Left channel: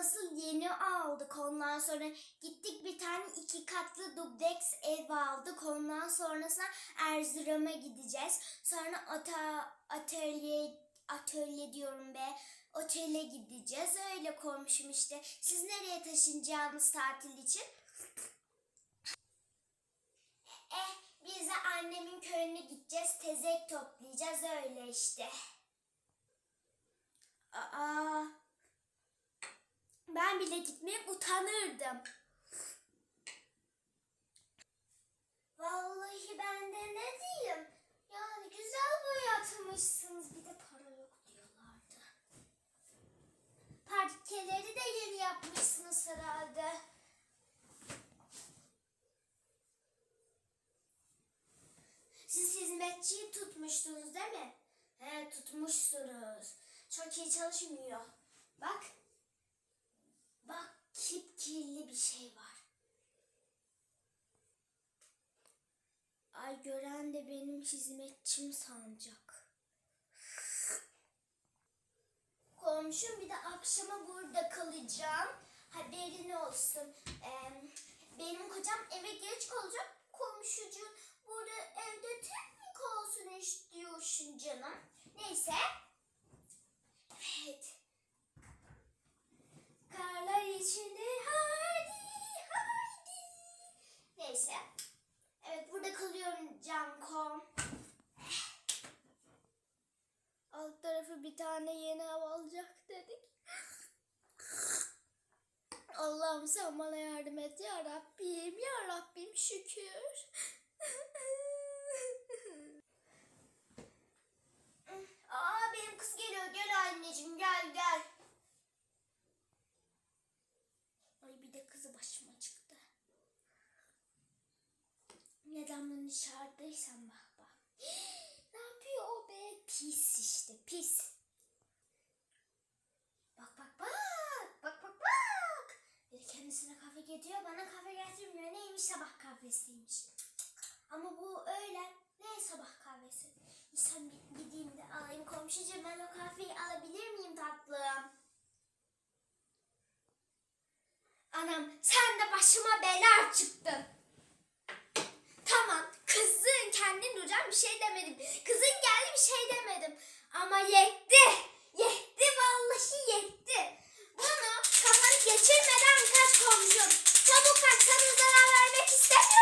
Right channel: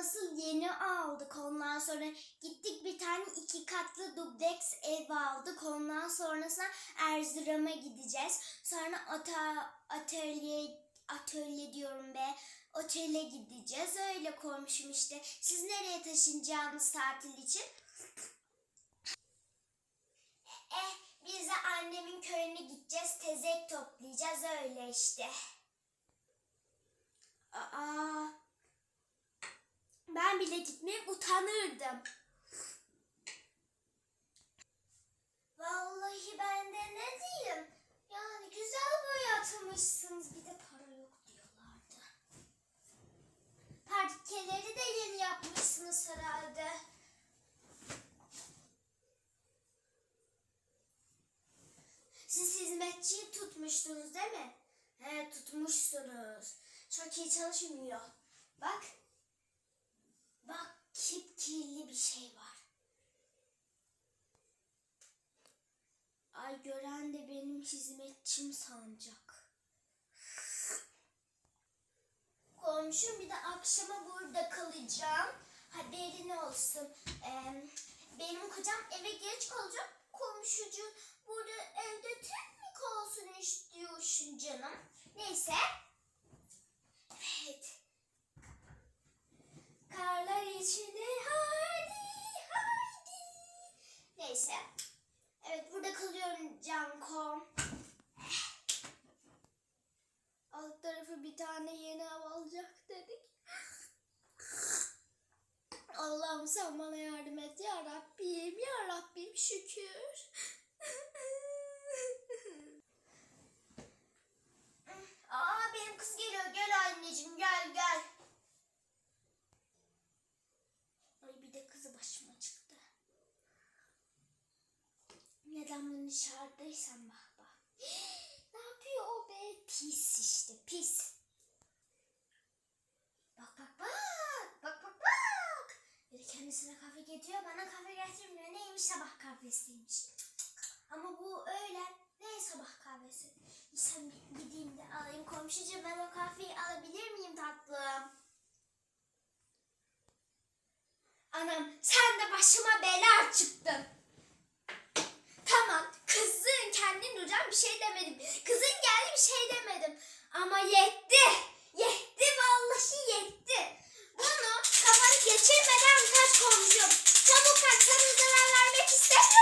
nasıl yeni aldık. Ondan sonra gittik bir tane iki katlı dubleks ev aldık. Ondan sonrasında Erzurum'a gideceğiz. Sonra ata, atölye, atölye diyorum be. Otele gideceğiz. Öyle konuşum işte. Siz nereye taşınacağınız tatil için? Eh, biz de annemin köyüne gideceğiz. Tezek toplayacağız. Öyle işte. Aa, ben bile gitmeye utanırdım. Vallahi ben de ne diyeyim? Yani güzel boyatmışsınız. Bir de para yok diyorlardı. Parkeleri de yeni yapmışsınız herhalde. Siz hizmetçiyi tutmuştunuz değil mi? He tutmuşsunuz. Çok iyi çalışmıyor. Bak. Bak kirli bir şey var. Ay gören de benim hizmetçim sanacak. Komşum bir de akşama burada kalacağım. Haberin olsun. Ee, benim kocam eve geç kalacak. Allah'ım sen bana yardım et ya Rabbim ya Rabbim şükür. Aa benim kız geliyor gel anneciğim gel gel. Ay bir de kızı başıma çıktı. Neden bunu çağırdıysam bak bak. ne yapıyor o be? Pis işte pis. Bak bak bak. Bak bak bak. Bir de getiriyor bana kahve getirmiyor. Neymiş sabah kahvesiymiş. Ama bu öyle. Ne sabah kahvesi? Bir gideyim de alayım komşucuğum ben o kahveyi alabilir miyim tatlım? Anam sen de başıma bela çıktın. Tamam kızın kendin duracağım bir şey demedim. Kızın geldi bir şey demedim. Ama yetti Çabuk kaç. Sana zarar vermek istemiyorum.